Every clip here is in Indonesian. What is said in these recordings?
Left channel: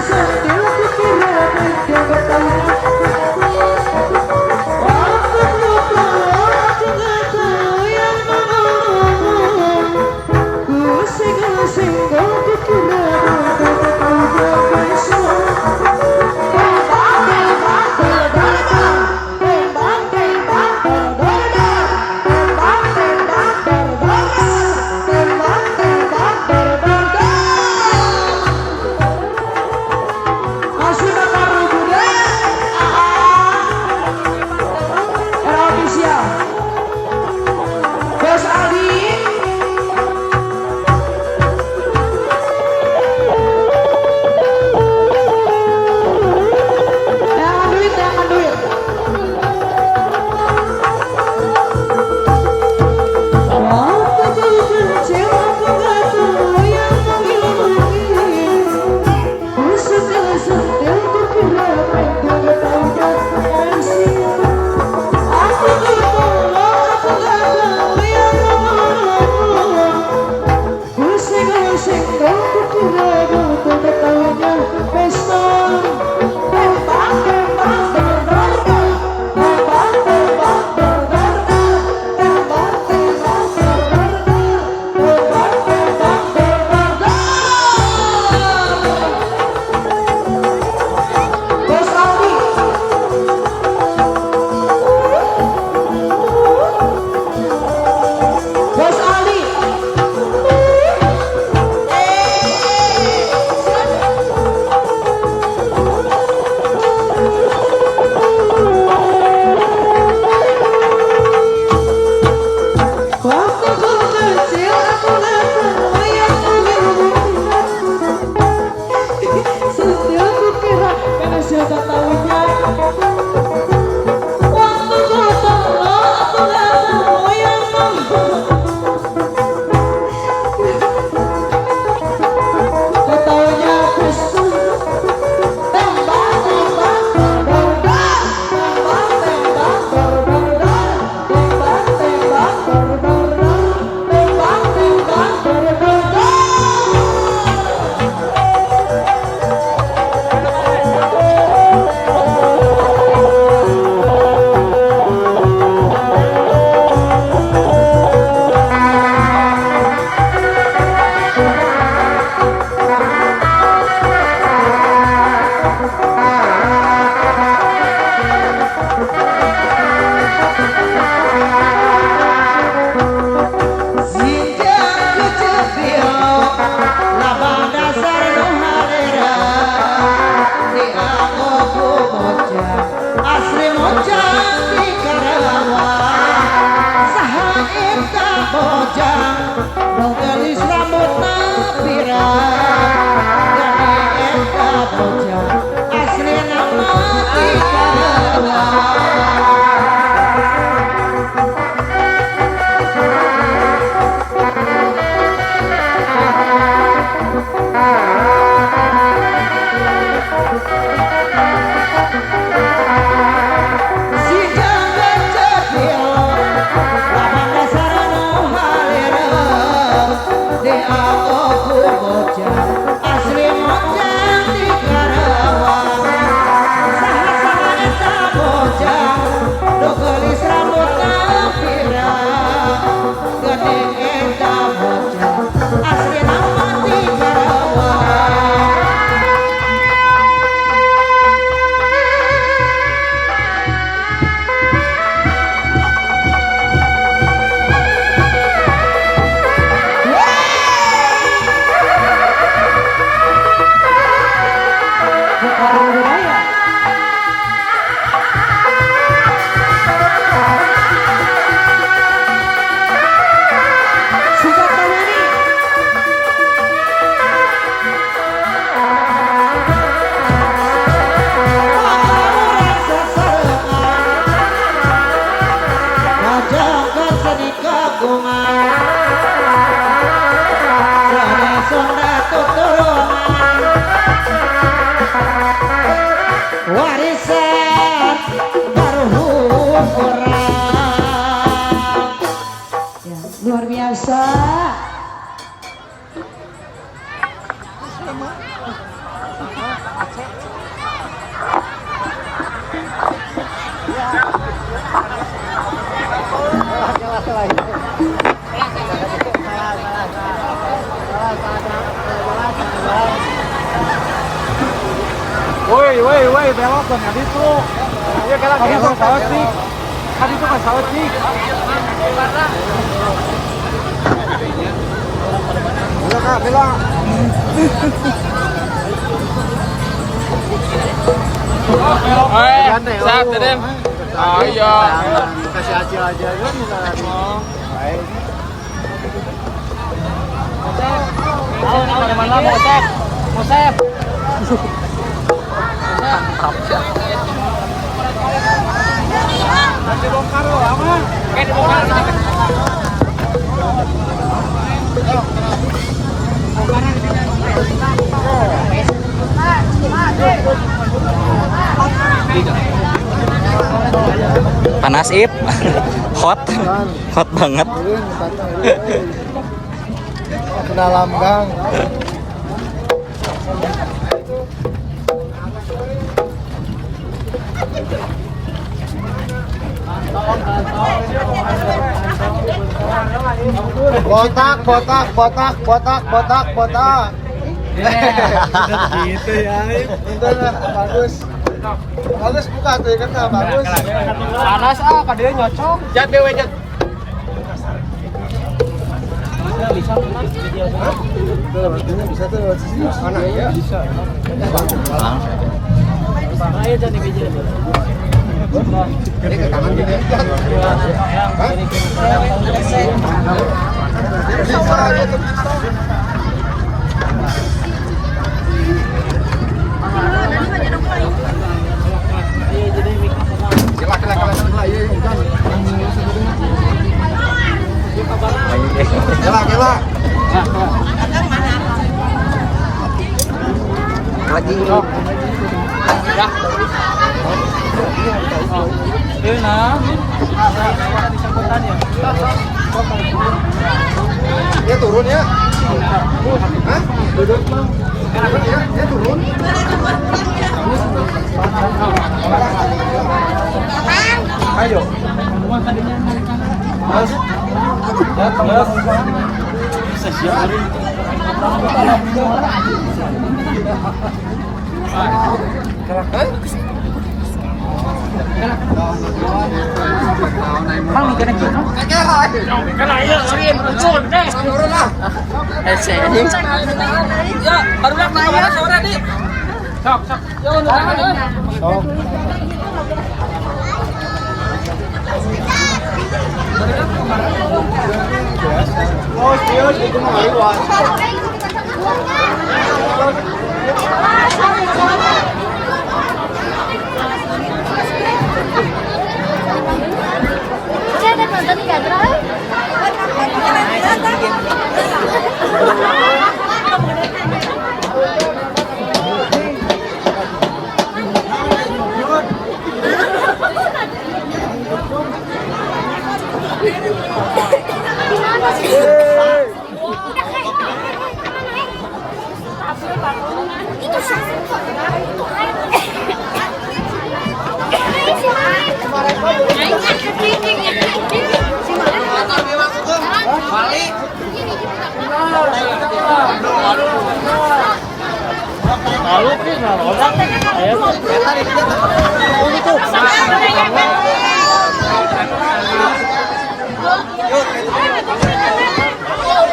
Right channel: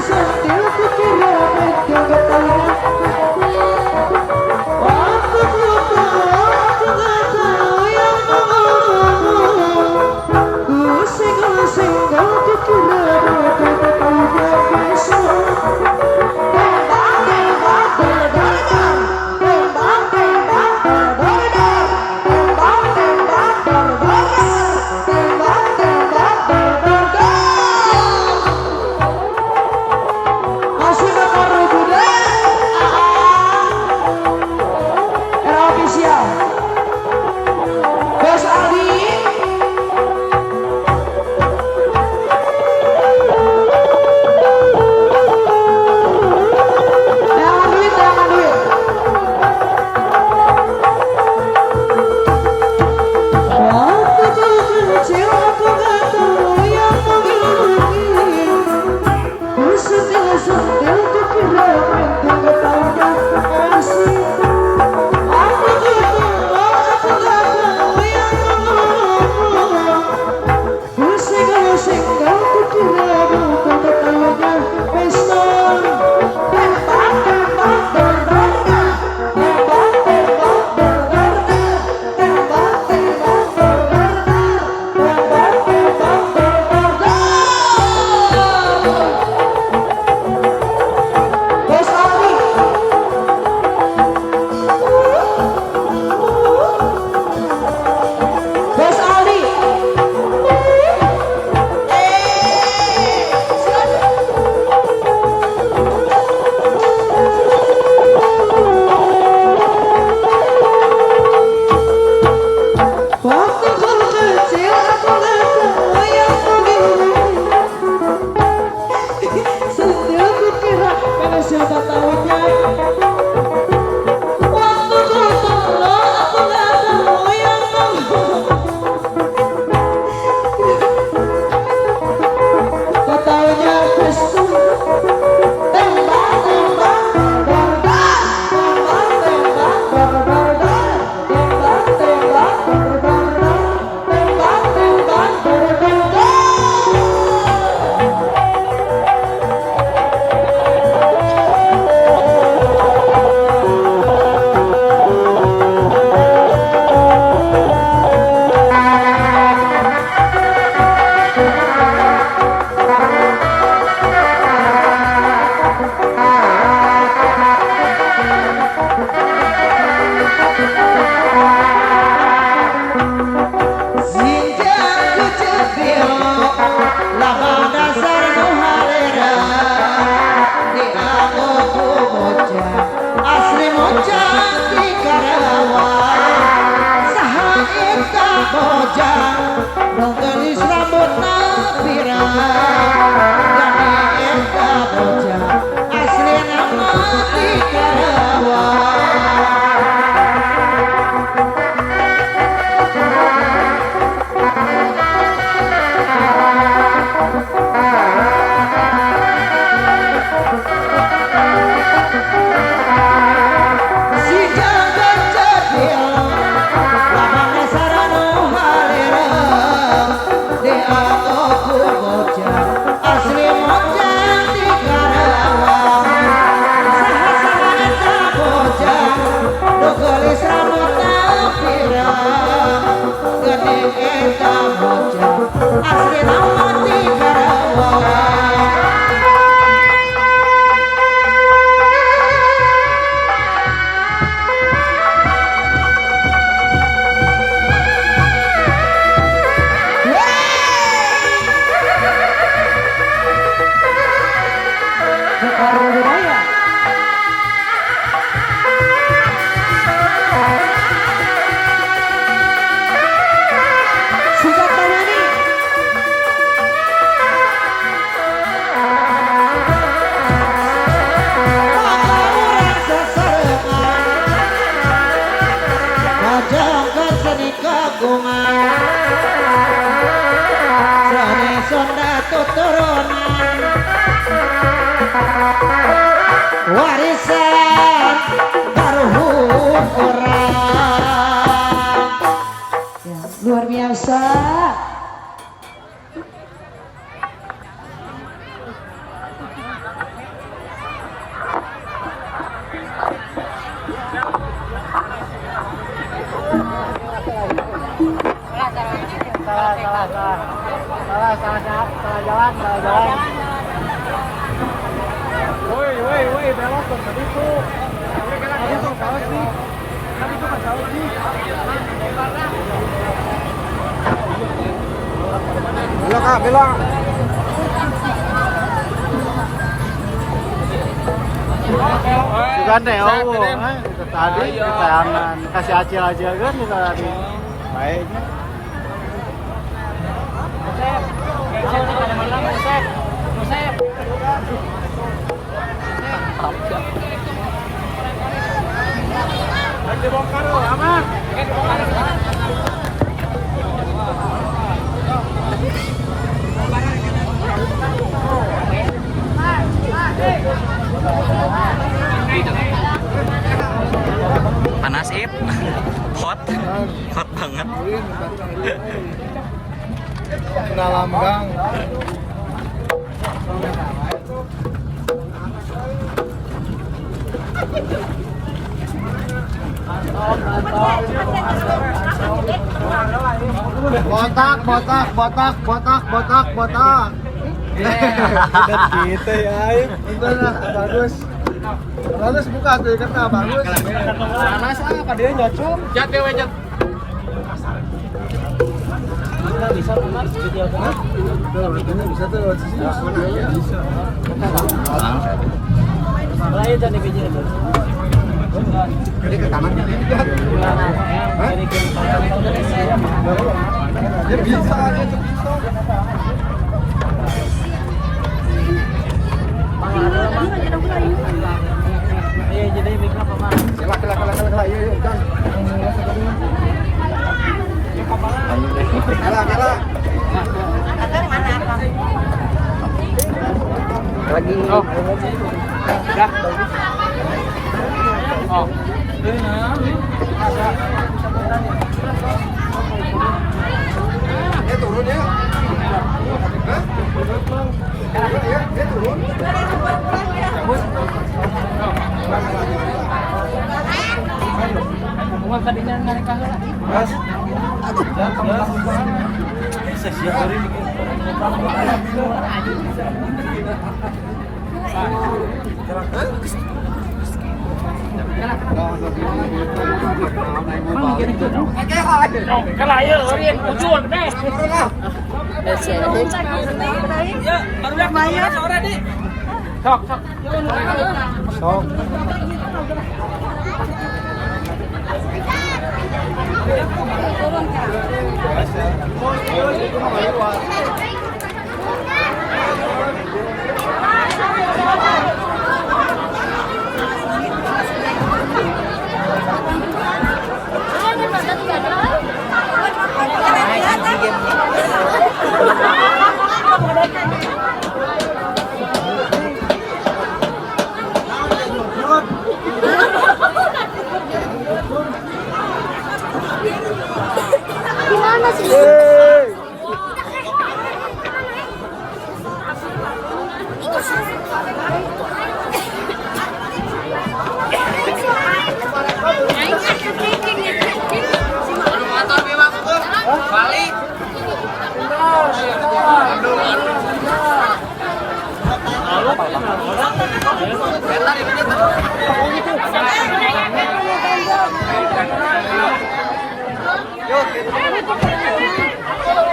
sentil ku kira penting ketahuan. Waktu ku tahu aku gak tahu yang mau. Ku singgol ku kira penting ketahuan besok. Bos Aldi jangan duit waktu ku kecil aku gak tahu yang mengilumin ku sentil ku kira penting gak tahu yang kasih. Waktu ku tahu aku gak tahu yang mengilumin ku senggol ku kira penting gak tahu yang pesta. Tembak tembak dor dor dor tembak tembak dor dor dor tembak tembak dor dor dor tembak tembak dor dor dor. Bos Aldi Bos Aldi waktu ku kecil aku gak tahu yang mengilumin sentil ku kira karena siapa tahunya. Waktu ku tahu aku gak tahu yang gak tahunya pesta. Tembak tembak dor dor tembak tembak dor dor dor tembak tembak dor dor dor tembak tembak dor dor dor. Sinjang kecepil labang dasar nu halera dianggo ku bojang asli mojang di Karawang. Saha eta bojang nu gelis rambutna pirang gani eta bojang asli nama di Karawang. Si jaga cedil labang dasar nu halereng dianggo ku bojang asli mojang di Karawang. Saha-saha eta bojang nu gelis rambutna pirang geuning eta bojang asli nama di Karawang. Warisan karuhun orang ya, luar biasa. woi, belok ke tadi tuh. Ya kan tadi tuh salah sih. Tadi tuh kan salah sih. Belok. Sap, Den. Oh iya. Kasih aja kan. Sep pada mana mau Sep? Mau Sep? Mantap ya. Dibongkar lo, aman. Oke, dibongkar. Panas Ip. Hot banget. Ke dalam gang. Botak. Gitu ya. Bagus buka tuh kan bagus. Panas kadenya nyocok. Jadi wajat. Bisa teman video sana. Bisa tuh. Mana ya? Bisa. Raya jadi video. Ini ke taman juga. Kela. Lagi. Dah. Oh. Dia turun ya. Hah? Duduk dong. Dia turun. Ayo. Mas. Bisa siapin.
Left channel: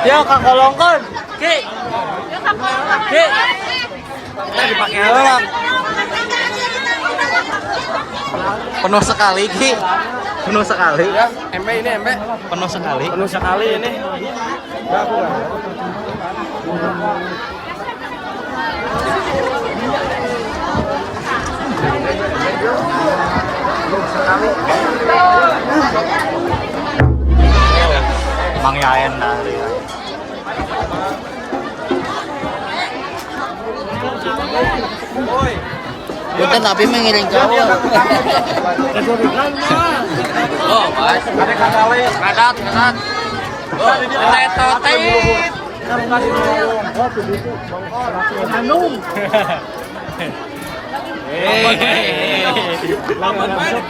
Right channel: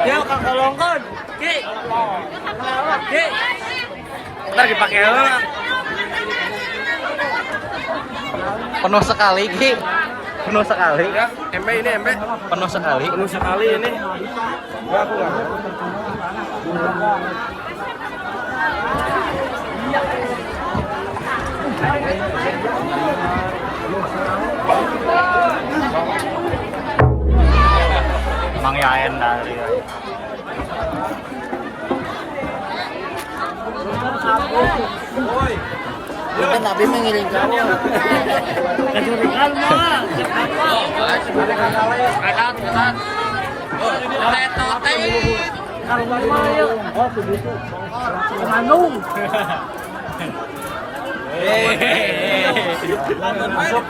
Dia kagolongkan, Ki. Ntar dipakai lah. Penuh sekali Ki. Penuh sekali. Ya, embe ini embe. Penuh sekali. Penuh sekali ini. Gua aku enggak. Mang Yaen dari Kita tapi mengiring kau. Kedurikan mah. Oh, Mas. Kadat. Oh, naik totit. Hanung. Lawan baik.